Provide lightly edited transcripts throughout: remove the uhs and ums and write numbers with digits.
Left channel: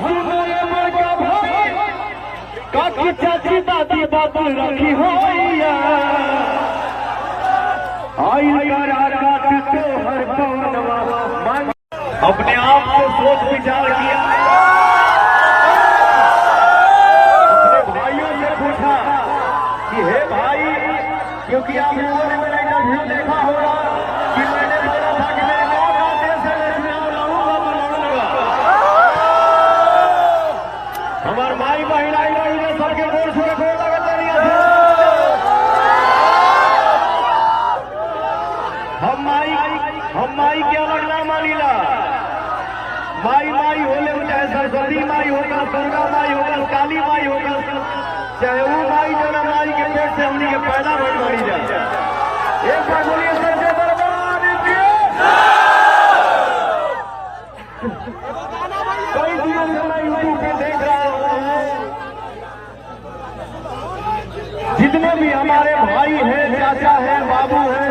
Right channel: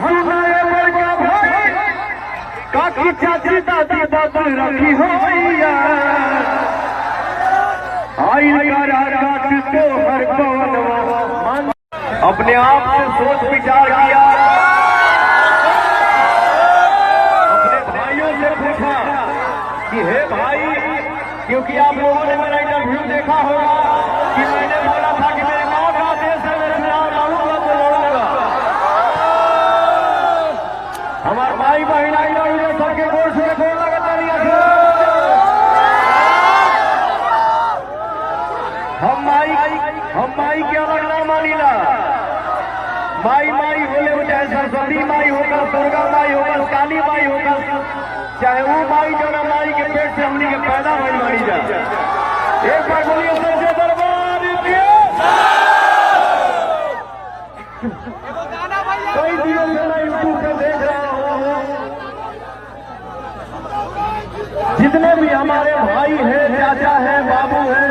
हंसुनाए बड़का भाई काकी चाची दादी बात रखी हो आई काट तो हर पवनवा अपने आप से सोच विचार किया, अपने भाइयों से पूछा कि हे भाई, क्योंकि आप लोगों ने मेरा इंटरव्यू देखा होगा कि मैंने बोला था कि मेरे मौत आते से मैं चुनाव लड़ूंगा तो लड़ूंगा। हमारे भाई बहन आई लड़ूंगे सबके गोल छुके गोल लगता नहीं है। हम माई के अलग ना मानीला। माई माई होले चाहे सरस्वती माई होगा, दुर्गा माई होगा, काली माई होगा, चाहे वो माई जो ना माई के पेट से हमनी के पैदा बन मानी जा। एक बार बोलिए सबसे दरबार कई दिनों से मैं यूट्यूब पे देख रहा हूँ, जितने भी हमारे भाई हैं, चाचा हैं, बाबू हैं,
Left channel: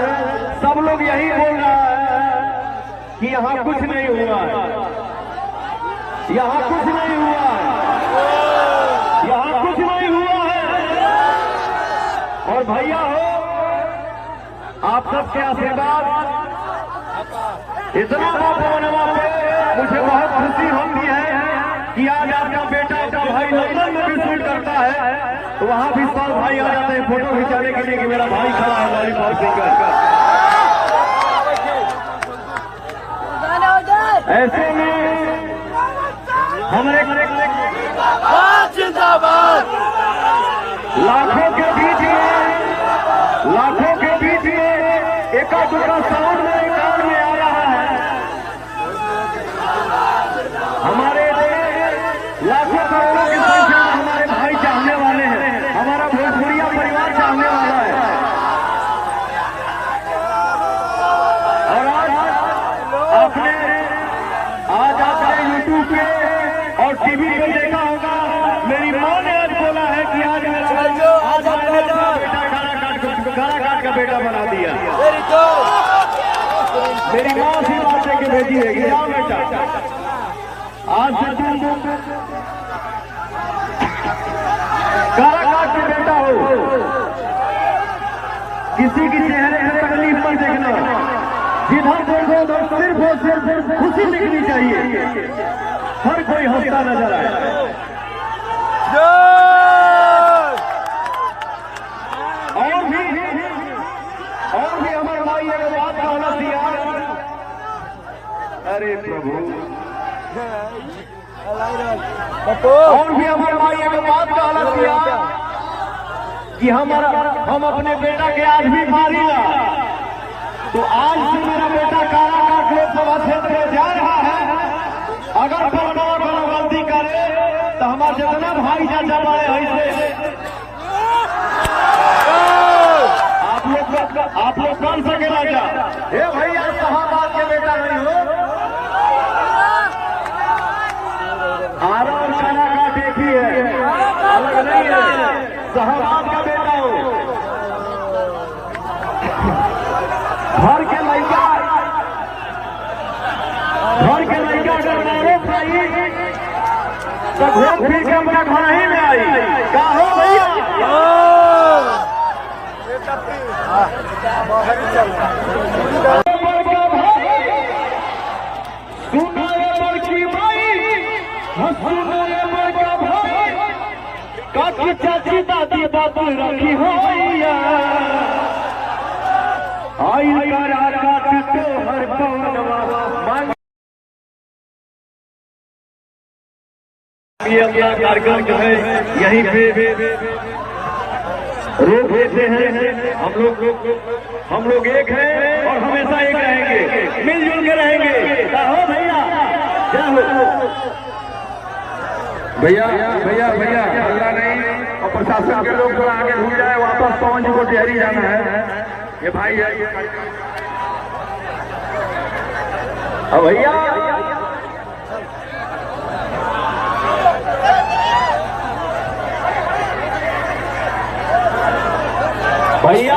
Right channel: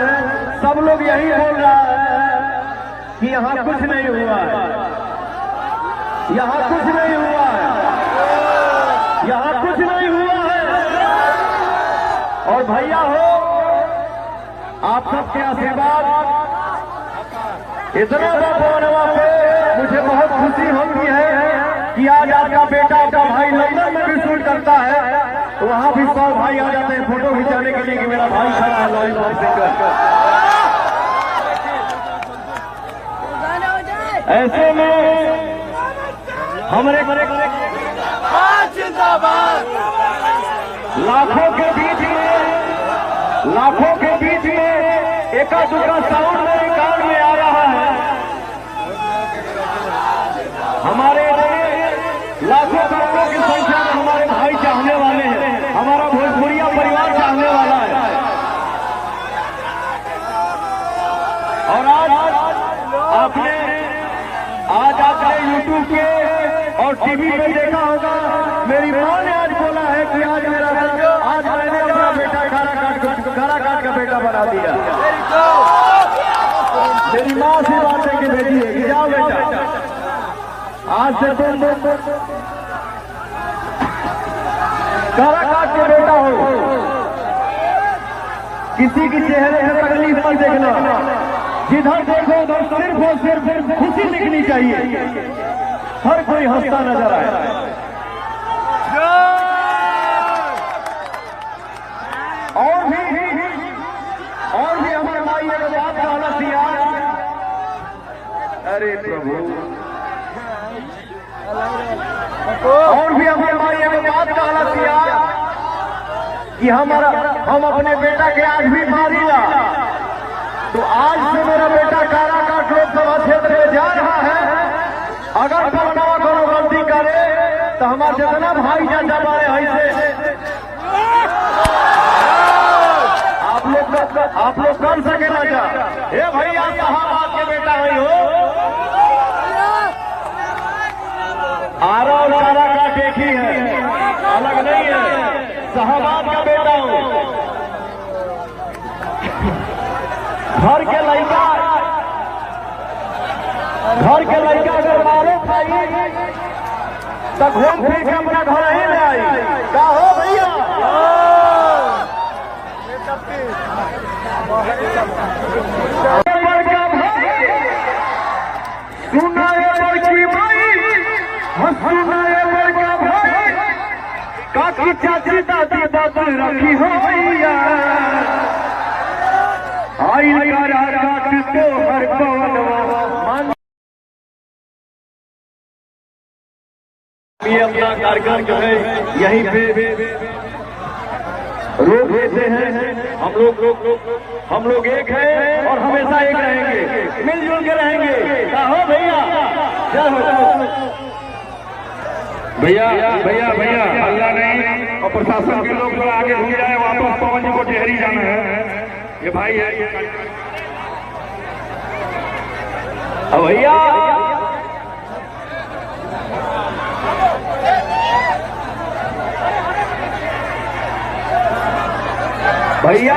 सब लोग यही बोल रहा है कि यहाँ कुछ नहीं हुआ है, यहाँ कुछ नहीं हुआ है, यहाँ कुछ नहीं हुआ है। और भैया हो, आप सबके आशीर्वाद इतना बाबा पे मुझे बहुत खुशी होती है कि आज आपका बेटा, आपका भाई लंदन में भी शूट करता है, तो वहां भी सब भाई आ जाते हैं फोटो खिंचाने के लिए कि मेरा भाई खड़ा है लॉलीपॉप सिंगर। ऐसे में हमारे लाखों के बीच में एका दूसरा साउंड मेरे कान में आ रहा है। हमारे लाखों करोड़ों की संख्या में हमारे भाई चाहने वाले हैं, हमारा भोजपुरिया परिवार चाहने वाला है। और आपने यूट्यूब पे और टीवी पे देखा होगा, मेरी माँ ने आज बोला है कि आज मैंने अपना बेटा खारा काट का बेटा बना दिया। मेरी माँ से बात है कि भेजी है कि जाओ बेटा, आज से तुम खारा काट के बेटा हो। किसी के चेहरे में तकलीफ मत देखना, जिधर देखो उधर सिर्फ और सिर्फ खुशी दिखनी चाहिए, हर कोई हंसता नजर आए। और भी हमारे भाई ने बात कहना दिया, अरे प्रभु, और भी हमारे भाई ने बात कहना दिया कि हम अपने बेटा के आज भी मारिया। तो आज से मेरा बेटा काराकाट लोकसभा क्षेत्र में जा रहा है। अगर पलटवा कोनो गलती करे तो हमारे जितना भाई चाचा बारे ऐसे आप लोग कर सके ना क्या? हे भैया, साहबाद के बेटा नहीं हो, आरा और काराकाट एक ही है, अलग नहीं है। साहबाद का बेटा हो, घर के लड़का अगर मारो भाई तो घूम फिर के अपना घर ही में आई। क्या हो भैया? बड़का भाई सुनाए बड़की भाई, सुनाए बड़का भाई काकी चाची दादी बात रखी हो आई काट तो हर पवनवा। ये अपना कार्यक्रम जो है यहीं पे रोक देते हैं। हम लोग एक हैं और हमेशा एक रहेंगे, मिलजुल के रहेंगे। क्या हो भैया? क्या हो भैया अल्लाह नहीं, और प्रशासन के लोग थोड़ा आगे घूम जाए, वापस पवन जी को डेहरी जाना है। ये भाई है भैया, भैया